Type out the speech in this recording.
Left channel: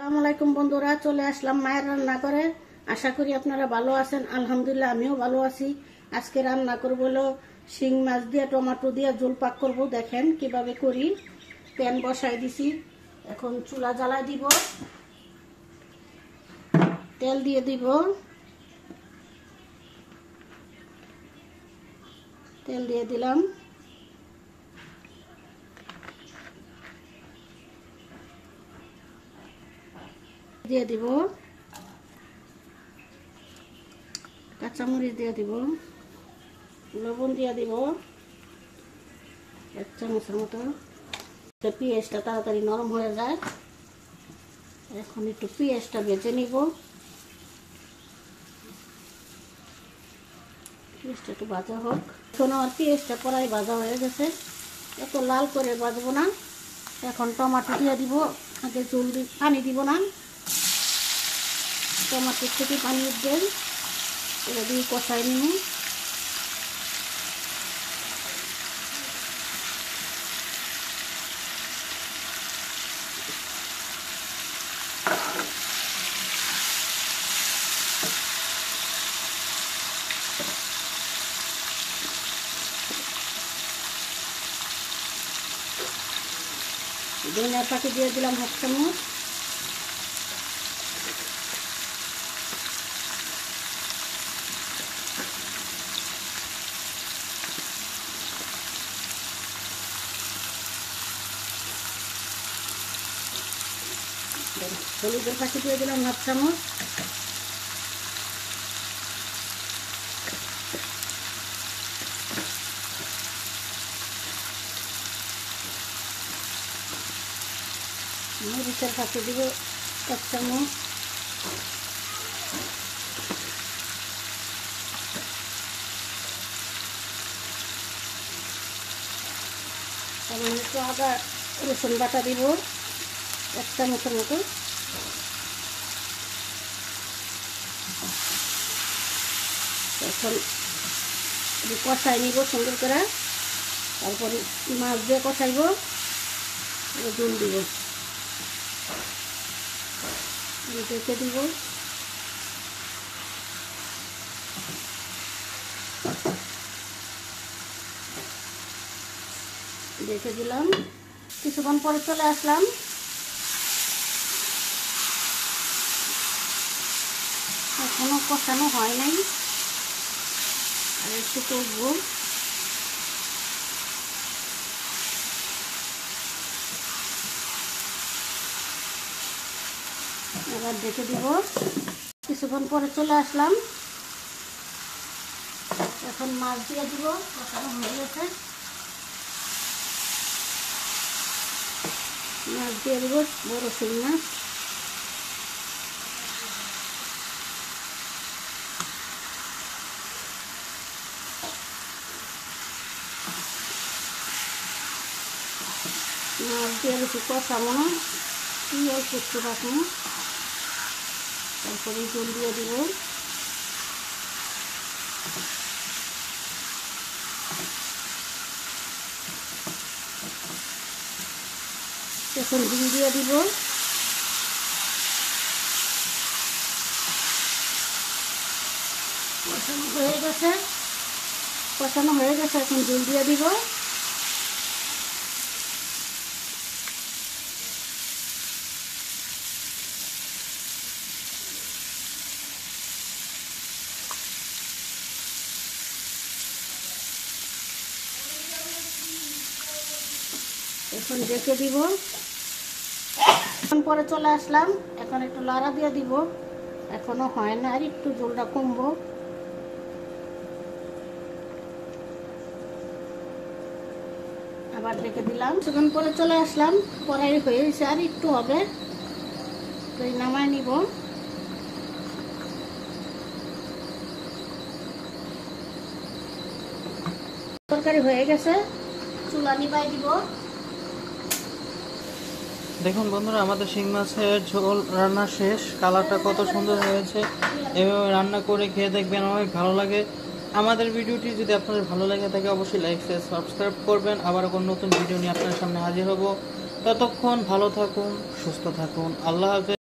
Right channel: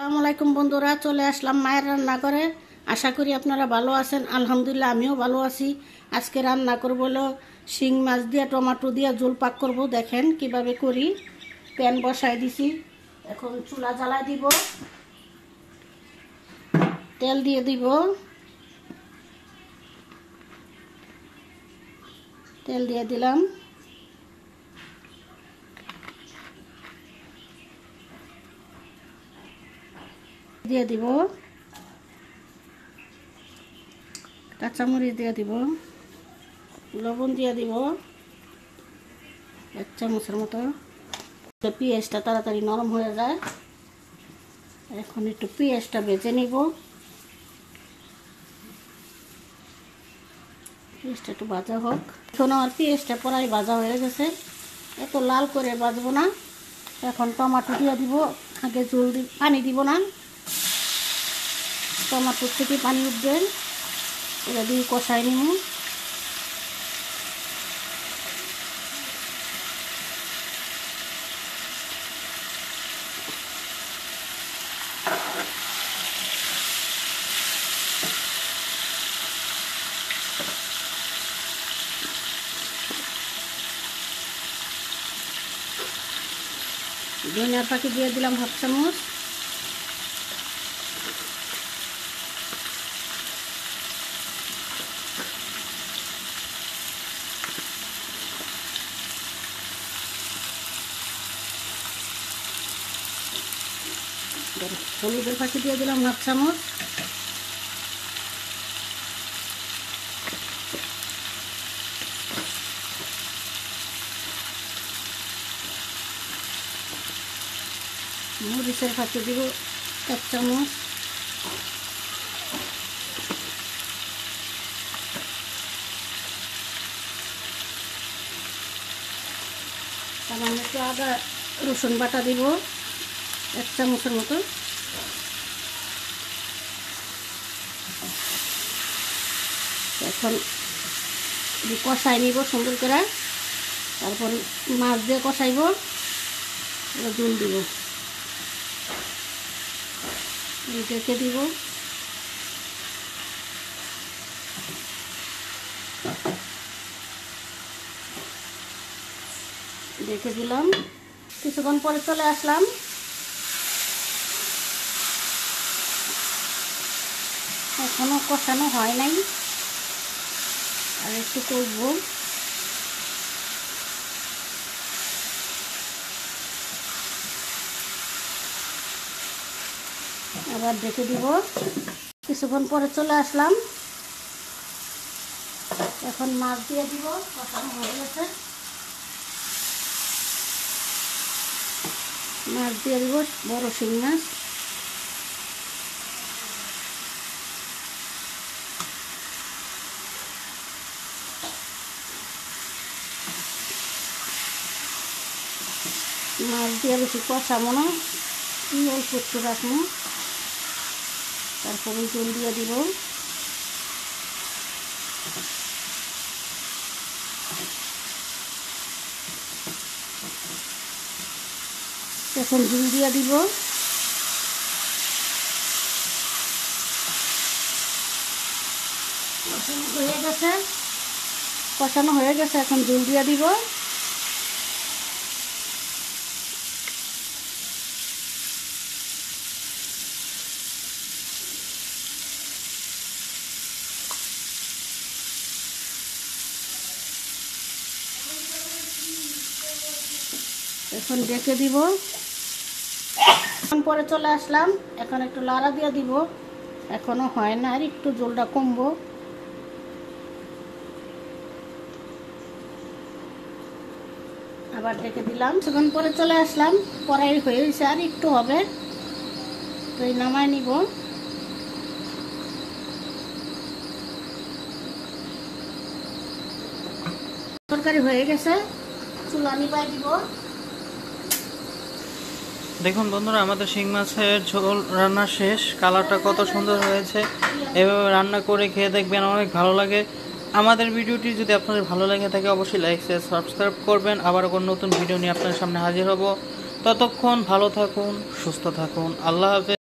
আসসালামু আলাইকুম বন্ধুরা, চলে আসলাম মায়ের রান্নাঘরে। আশা করি আপনারা ভালো আছেন। আলহামদুলিল্লাহ আমিও ভালো আছি। আজকে রান্না করব হলো শিং মাছ দিয়ে টমেটো দিয়ে ঝোল পাক করব। দেখেন কিভাবে করি। প্যান বসাই দিছি, এখন চুলা জ্বালা দিব, তেল দিয়ে দিব, তেল দিয়ে দিলাম, দিয়ে দিব কাঁচামরিচ, দিয়ে দিব লবণ, দিয়ে দিব 1 চামচের মতো। পেঁয়াজটা তাড়াতাড়ি নরম হয়ে যায়। এখন একটু পেঁয়াজটা ভেজে নিব। পেঁয়াজটা একটু ভাজা হোক। এখন আমার পেঁয়াজটা প্রায় ভাজা হয়ে গেছে, এত লাল করে ভাজবো না। এখন টমেটো দিয়ে দিব। আগে জলদি পানি দিব না, টমেটোর থেকে পানি উঠবে, এটা দিয়ে কষাই নিব। ধনিয়ার পাতা দিয়ে দিলাম 1 চামচ। হলুদের পাতা দিয়ে দিলাম 1 চামচ। মরিচের পাতা দিব 1 চামচ। সামান্য একটু আদা রসুন বাটা দিব 1 চামচের মতো। এখন কষাই নিব সুন্দর করে, তারপরে মাছ দিয়ে কষাইব, ঝোল দিব, ঢেকে দিব। ঢেকে দিলাম, কিছুক্ষণ পরে চলে আসলাম। এখনো কষানো হয় নাই, আর একটু করবো। আবার ঢেকে দিব। কিছুক্ষণ পরে চলে আসলাম। এখন মাছ দিয়ে দিব, কষানো হয়ে গেছে। মাছ দিয়ে দিব, বড় শিং মাছ। মাছ দিয়ে বেশি কষাবো না, করতে রাখবো। তারপরে জল দিয়ে দিব। এখন ঝুল দিয়ে দিব। কষানো হয়ে গেছে, কষানো হয়ে গেছে। এখন ঝুল দিয়ে দিব। এখন ঢেকে দিব। পরে চলে আসলাম। এখন একটু লাড়া দিয়ে দিব। এখনো হয় না, আর একটু জলটা কমবো। আবার ঢেকে দিলাম। কিছুক্ষণ পরে চলে আসলাম। কড়াই হয়ে গেছে, আর একটু হবে, তো এই নামাই নিব। তরকারি হয়ে গেছে, চুলা নিভাই দিব। দেখুন বন্ধুরা, আমাদের শিং মাছের ঝোল রান্না শেষ। কালারটা কত সুন্দর হয়েছে। এভাবে রান্না করে খেয়ে দেখবেন, অনেক ভালো লাগে। আমাদের ভিডিওটি যদি আপনাদের ভালো লাগে থাকে, অবশ্যই লাইক শেয়ার সাবস্ক্রাইব করবেন। আবার কোনো নতুন ভিডিও নিয়ে আপনাদের সামনে হাজির হব। ততক্ষণ ভালো থাকুন, সুস্থ থাকুন। আল্লাহ হাফেজ।